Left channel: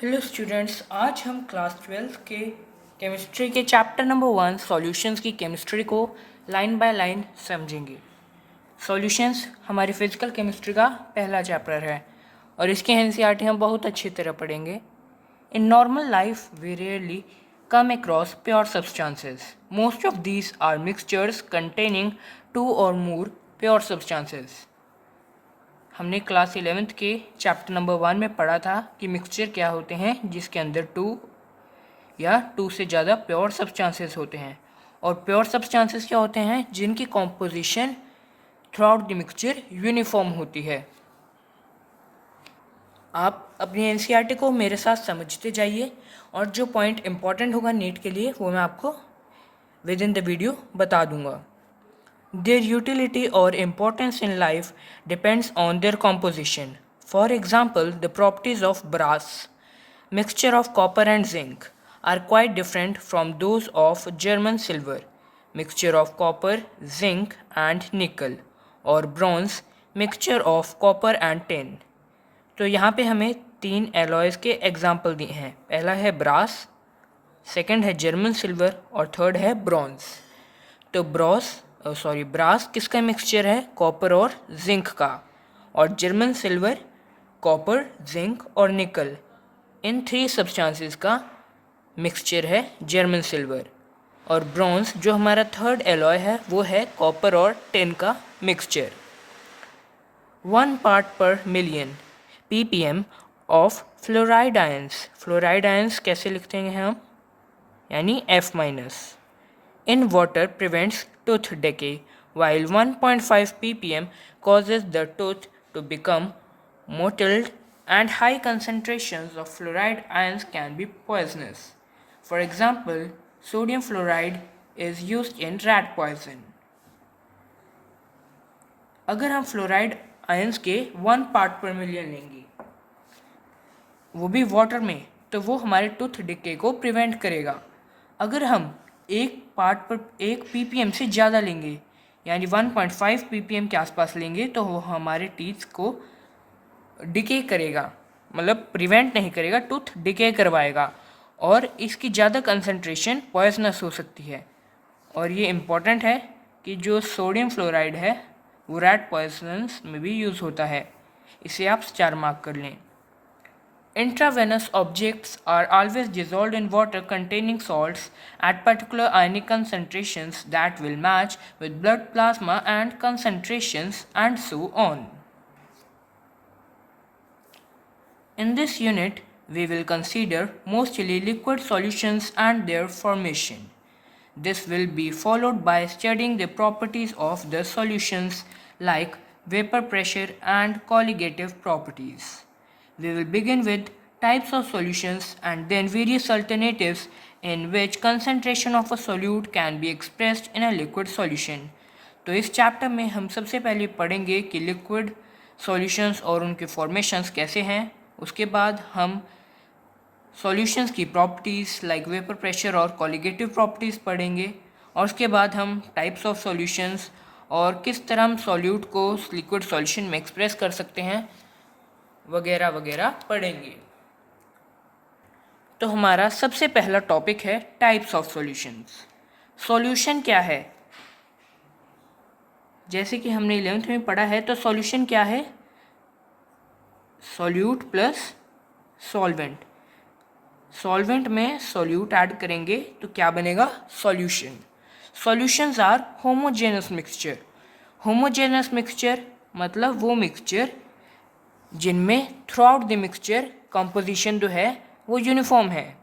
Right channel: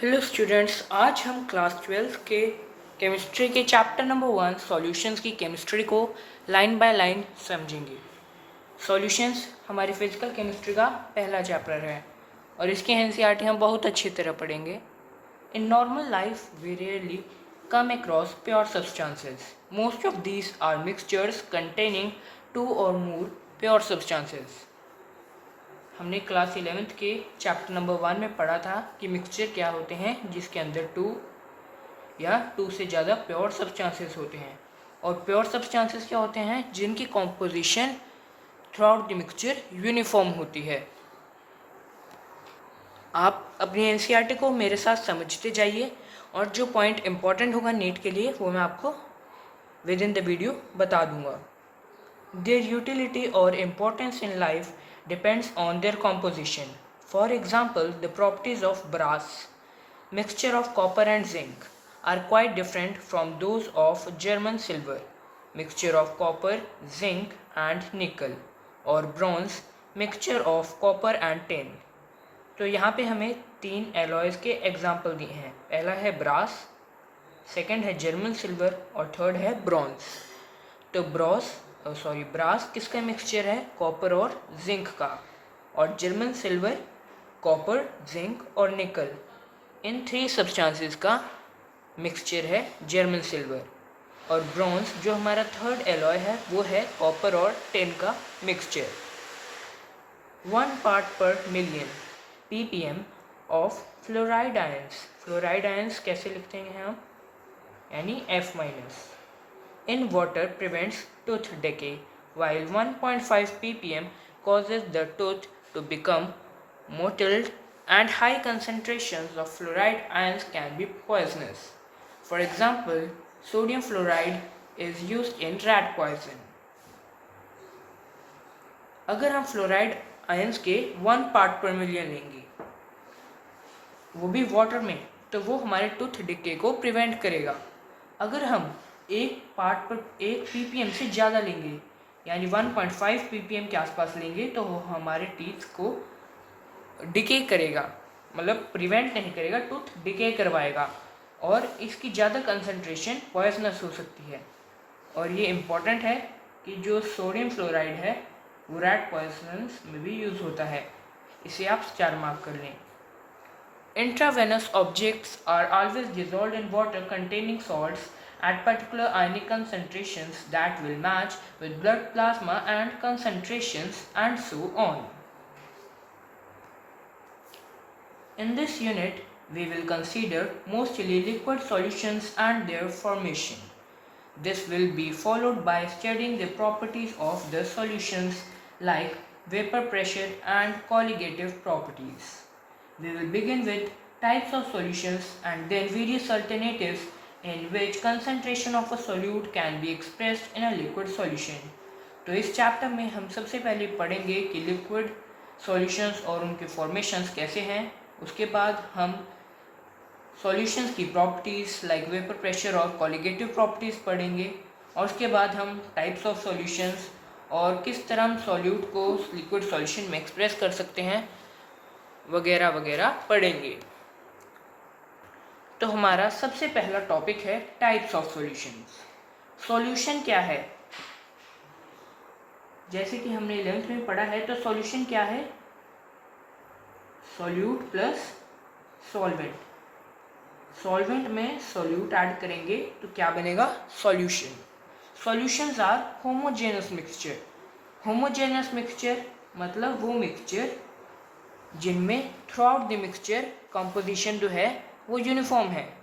Hello students, आज हम class 12 के केमिस्ट्री के चैप्टर नंबर 1 सॉल्यूशंस की केमिस्ट्री को लाइन बाय लाइन समझेंगे। सॉल्यूशंस हमारी फिजिकल केमिस्ट्री का पहला चैप्टर है और इसके एनसीईआरटी हम बहुत अच्छी तरह पढ़ेंगे। In normal life we rarely come across pure substances. Most of these are mixtures containing two or more pure substances. हमने क्लास 11th के चैप्टर नंबर 1 में पढ़ा था कि मिक्सचर क्या होते हैं जिसके अंदर टू से ज़्यादा प्योर सब्सटेंसेस होते हैं, और प्योर सब्सटेंसेस क्या होते हैं जिनकी composition through out the mixture uniform होती है। आप अपनी एनसीईआरटी को मेरे साथ समझते जाइए और जो पॉइंट इम्पॉर्टेंट होगा नीट के लिए वो मैं आपको विद इन द वीडियो बता दूंगा। Their utility or importance in life depends on their composition. For example, the properties of brass, mixture of copper and zinc, are quite different from those of German silver, mixture of copper, zinc and nickel, or bronze, mixture of copper and tin. तो यहाँ पे हमें 3 alloys के example दिए हैं। पहला है brass, second है जर्मन सिल्वर और थर्ड है ब्रॉन्ज। तो ब्रास किसका मिक्सचर है? कॉपर और जिंक का। और जर्मन सिल्वर कॉपर, जिंक और निकल, इन 3 सब्सटेंसेस का मिक्सचर है जर्मन सिल्वर। और ब्रॉन्ज जो हमारा थर्ड एलॉय है वो है कॉपर और टिन का मिक्सचर। 1 पार्ट पर million ppm of fluoride ions. Fluoride ions कैसे लिखते हैं हम? यानी F- in water prevents tooth decay, while 1.5 ppm causes the tooth to become mottled, and high concentrations of fluoride ions can be poisonous. For example, sodium fluoride is used in rat poison. अगर हम fluoride ions के 1 part पर million लेंगे, वो भी water में, तो वो हमारे टूथ डिके को प्रिवेंट करेगा। अगर हम 1 पार्ट पर 1 ppm से ज़्यादा लेंगे, यानी 1.5 ppm के आसपास लेंगे, तो वो हमारे टीथ को डिके करेगा, मतलब प्रिवेंट नहीं करेगा, टूथ डिके करवाएगा, और इसकी ज़्यादा कंसंट्रेशन पॉइजनस हो सकती है। और ये इम्पॉर्टेंट है कि जो सोडियम फ्लोराइड है वो रैट पॉइजनस में भी यूज़ होता है। इसे आप 4 मार्क कर लें। Intravenous objects are always dissolved in water containing salts at particular ionic concentrations that will match with blood plasma and concentrations, and so on. In this unit, we will consider mostly liquid solutions and their formation. This will be followed by studying the properties of the solutions like vapor pressure and colligative properties. We will begin with types of solutions and then various alternatives in which concentration of a solute can be expressed in a liquid solution. तो इस chapter में हम सबसे पहले पढ़ेंगे कि liquid solutions और उनके फॉर्मेशंस कैसे हैं। उसके बाद हम सॉल्यूशंस की प्रॉपर्टीज़ लाइक वेपर प्रेशर और कॉलिगेटिव प्रॉपर्टीज़ पढ़ेंगे, और उसके बाद हम टाइप्स ऑफ सॉल्यूशंस और किस तरह हम सॉल्यूट को लिक्विड सॉल्यूशन में एक्सप्रेस कर सकते हैं वगैरह वगैरह पढ़ेंगे। तो हमारा सबसे पहला टॉपिक है टाइप्स ऑफ सॉल्यूशंस। सॉल्यूशन क्या है? जैसे कि हमने 11th में पढ़ा है, तो सॉल्यूशन क्या है? Solute plus solvent. सॉल्वेंट में सॉल्यूट ऐड करेंगे तो क्या बनेगा? Solution. Solutions are homogeneous mixture. Homogeneous mixture मतलब वो मिक्सचर जिनमें throughout the mixture composition जो है वो यूनिफॉर्म है।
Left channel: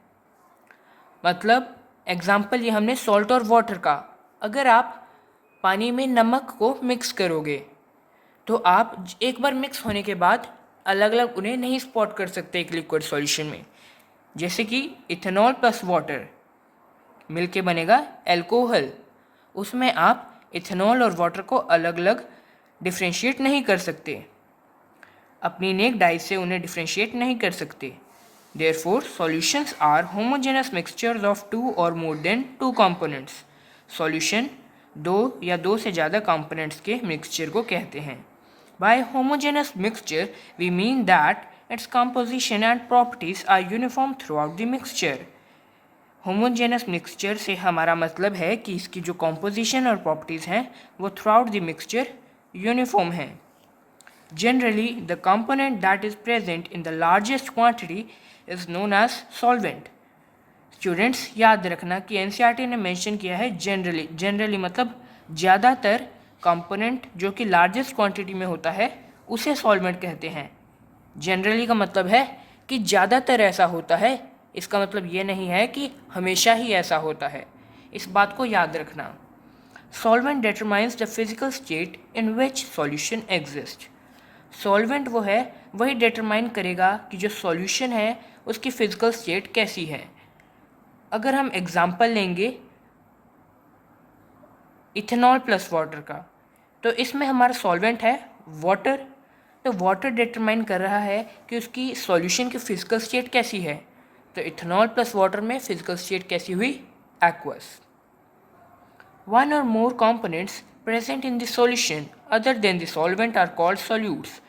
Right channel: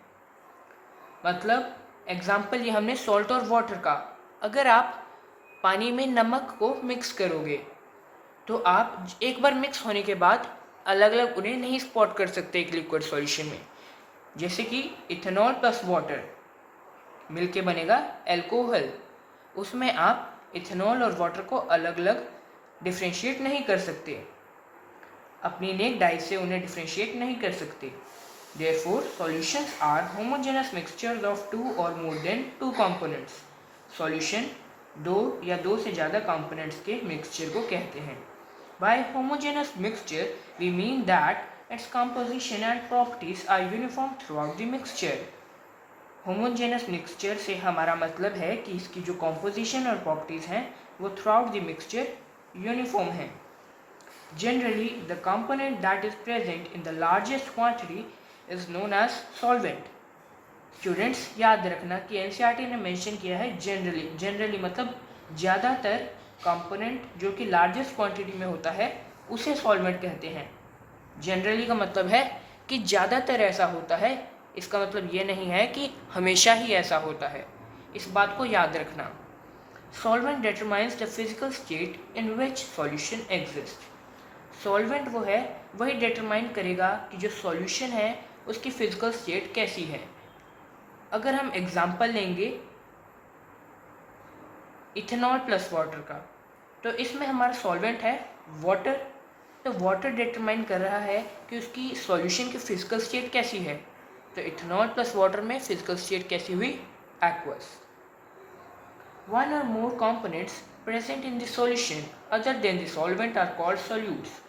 मतलब एग्जांपल ये हमने सॉल्ट और वाटर का, अगर आप पानी में नमक को मिक्स करोगे तो आप एक बार मिक्स होने के बाद अलग अलग उन्हें नहीं स्पॉट कर सकते एक लिक्विड सॉल्यूशन में। जैसे कि इथेनॉल प्लस वाटर मिलके बनेगा एल्कोहल, उसमें आप इथेनॉल और वाटर को अलग अलग डिफ्रेंशिएट नहीं कर सकते, अपनी नेक डाई से उन्हें डिफ्रेंशिएट नहीं कर सकते। Therefore, solutions are homogeneous mixtures of 2 or more than 2 components. Solution 2 या 2 से ज़्यादा components के mixture को कहते हैं। By homogeneous mixture, we mean that Its composition and properties are uniform throughout the mixture. Homogeneous mixture से हमारा मतलब है कि इसकी जो कॉम्पोजिशन और प्रॉपर्टीज़ हैं वो थ्रूआउट द मिक्सचर यूनिफॉर्म हैं. Generally the component that is present in the largest quantity is known as solvent. Students याद रखना कि एनसीईआरटी ने मेंशन किया है जनरली मतलब ज़्यादातर कंपोनेंट जो कि लार्जेस्ट क्वांटिटी में होता है उसे सॉल्वेंट कहते हैं. जनरली का मतलब है कि ज़्यादातर ऐसा होता है, इसका मतलब ये नहीं है कि हमेशा ही ऐसा होता है. इस बात को याद रखना. Solvent determines the physical state in which solution exist. Solvent वो है वही डिटरमाइन करेगा कि जो सॉल्यूशन है उसकी फिजिकल स्टेट कैसी है. अगर हम एग्जांपल लेंगे इथेनॉल प्लस वाटर का, तो इसमें हमारा सॉल्वेंट है वाटर. तो वाटर डिटरमाइन कर रहा है कि उसकी सॉल्यूशन की फिजिकल स्टेट कैसी है. तो इथेनॉल प्लस वाटर में फिजिकल स्टेट कैसी हुई, aqueous. One or more components present in the solution other than the solvent are called solutes.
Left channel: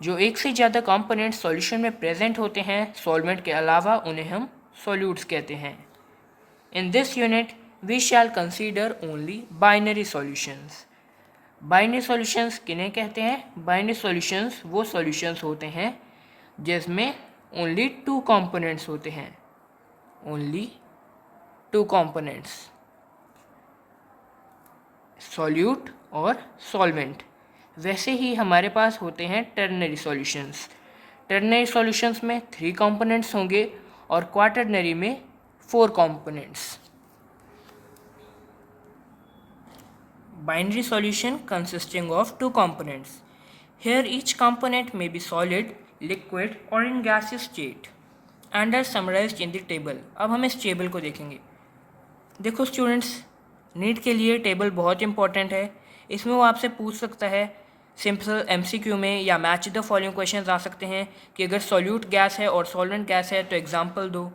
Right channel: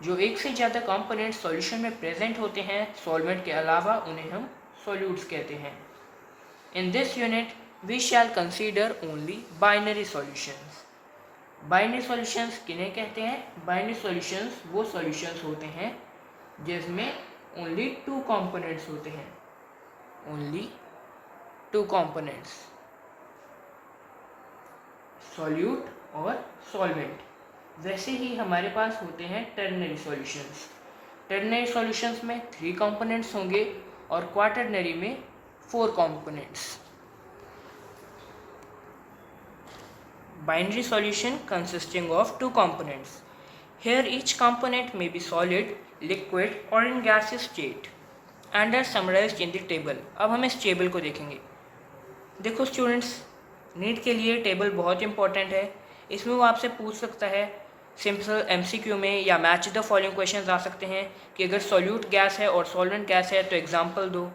जो एक से ज़्यादा कंपोनेंट सॉल्यूशन में प्रेजेंट होते हैं सॉल्वेंट के अलावा उन्हें हम सॉल्यूट्स कहते हैं. In this unit we shall consider only binary solutions. Binary solutions किन्हें कहते हैं. बाइनरी सॉल्यूशंस वो सॉल्यूशंस होते हैं जिसमें ओनली 2 कंपोनेंट्स होते हैं. ओनली 2 कंपोनेंट्स, सॉल्यूट और सॉल्वेंट. वैसे ही हमारे पास होते हैं टर्नरी सॉल्यूशंस. टर्नरी सॉल्यूशंस में 3 कंपोनेंट्स होंगे और क्वाटरनरी में 4 components. Binary solution consisting of 2 components. Here each component may be solid, liquid or in gaseous state and are summarized in the table. अब हम इस टेबल को देखेंगे. देखो स्टूडेंट्स, नीट के लिए टेबल बहुत इंपॉर्टेंट है. इसमें वो आपसे पूछ सकता है सिंपल एमसीक्यू में या मैच द फॉलोइंग क्वेश्चंस आ सकते हैं कि अगर सॉल्यूट गैस है और सॉल्वेंट गैस है तो एग्जांपल दो.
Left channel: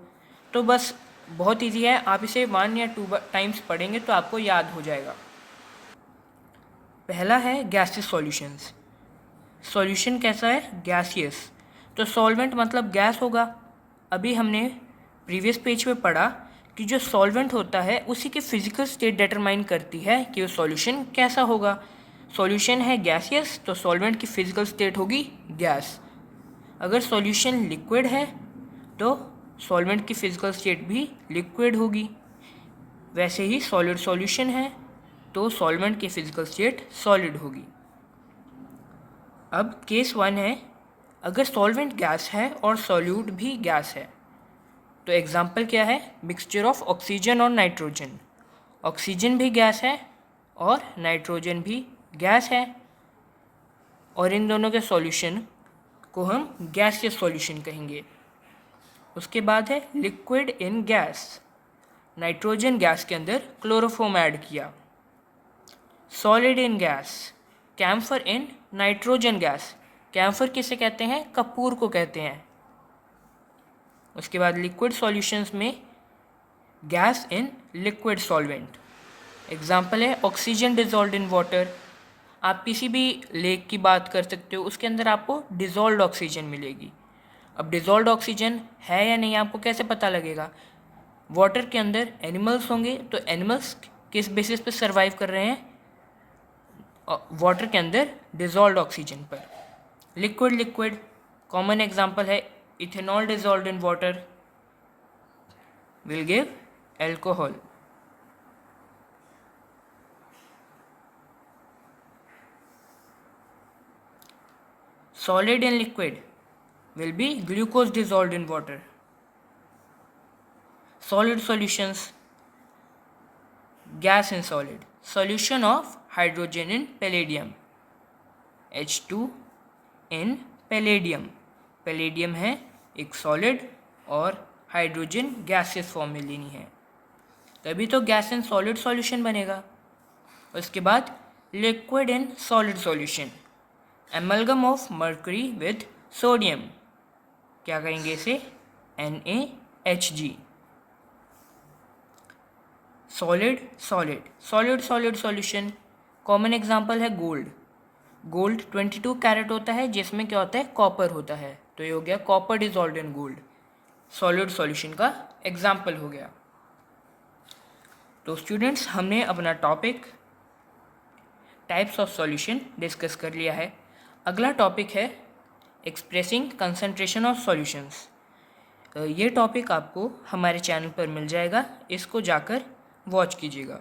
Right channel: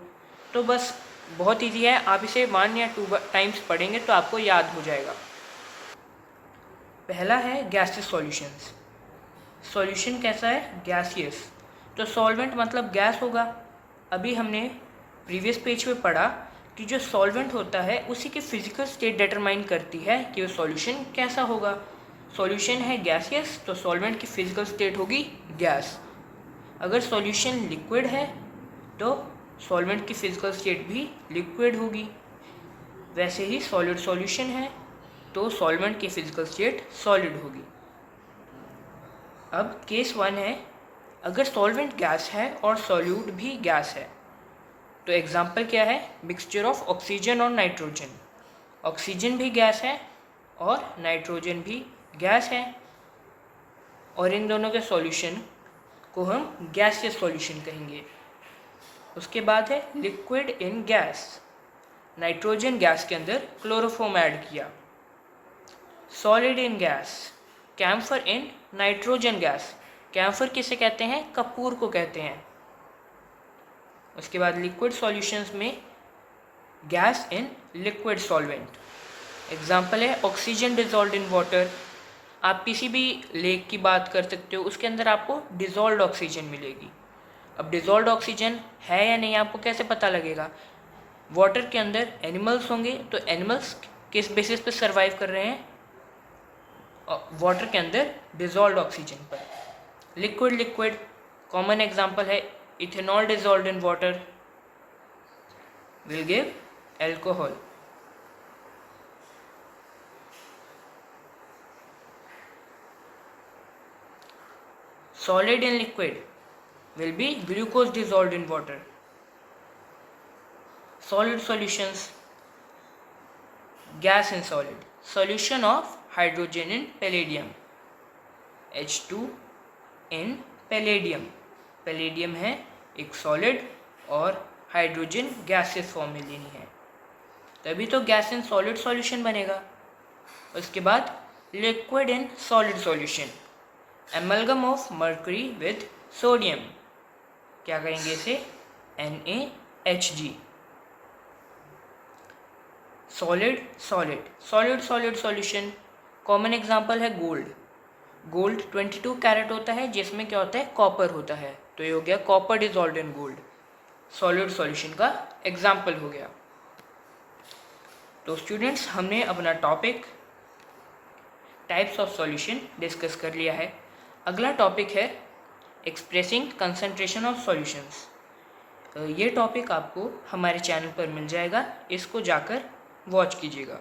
तो बस बहुत ईजी है, आप इसे 1 या 2 टाइम्स पढ़ेंगे तो आपको याद हो जाएगा. पहला है गैसियस सॉल्यूशंस. सॉल्यूशन कैसा है, गैसियस. तो सॉल्वेंट मतलब गैस होगा. अभी हमने प्रीवियस पेज पे पढ़ा कि जो सॉल्वेंट होता है उसी की फिजिकल स्टेट डिटरमाइन करती है कि वो सॉल्यूशन कैसा होगा. सॉल्यूशन है गैसियस तो सॉल्वेंट की फिजिकल स्टेट होगी गैस. अगर सॉल्यूशन लिक्विड है तो सॉल्वेंट की फिजिकल स्टेट भी लिक्विड होगी. वैसे ही सॉलिड सॉल्यूशन है तो सॉल्वेंट की फिजिकल स्टेट सॉलिड होगी. अब केस 1 है, अगर सॉल्वेंट गैस है और सॉल्यूट भी गैस है तो एग्जांपल क्या है, मिक्सचर ऑफ ऑक्सीजन और नाइट्रोजन. ऑक्सीजन भी गैस है और नाइट्रोजन भी गैस है और इन दोनों के सॉल्यूशन को हम गैसियस सॉल्यूशन कहेंगे. उसके बाद है liquid in gas. Nitrogen gas के अंदर क्लोरोफॉर्म ऐड किया. Solid in gas, camphor in nitrogen gas. Camphor किसे कहते हैं, कपूर को कहते हैं. उसके बाद लिक्विड सॉल्यूशंस में gas in liquid solvent. Example है ऑक्सीजन डिजॉल्व्ड इन वाटर. आप किसी भी लेक की बात कर सकते हो, उसके अंदर आपको डिजॉल्व्ड ऑक्सीजन मिलेगी. अब डिजॉल्व्ड ऑक्सीजन है या नहीं आपको कैसे पता लगेगा. वाटर के अंदर एनिमल्स होंगे तो एनिमल्स किस बेसिस पर सर्वाइव कर रहे हैं, वाटर के अंदर डिजॉल्व्ड ऑक्सीजन पर. लिक्विड कॉमन एग्जांपल है ethanol dissolved in water will give alcohol. Solid in liquid will be glucose dissolved in water. Solid solutions, gas in solid. Solution of hydrogen in palladium, H2 in palladium. palladium है एक solid और hydrogen gaseous form में लेनी है तभी तो gas in solid solution बनेगा. उसके बाद liquid in solid solution, amalgam of mercury with sodium. क्या कहेंगे इसे, NaHg. Solid solution, common example है गोल्ड. 22 कैरेट होता है जिसमें क्या होता है, कॉपर होता है. तो ये हो गया copper dissolved in gold, solid solution का एग्जाम्पल हो गया। तो स्टूडेंट्स, हमने अपना topic types of solution discuss कर लिया है। अगला टॉपिक है एक्सप्रेसिंग कंसंट्रेशन ऑफ सॉल्यूशंस। ये टॉपिक आपको हमारे चैनल पर मिल जाएगा, इसको जाकर वॉच कीजिएगा।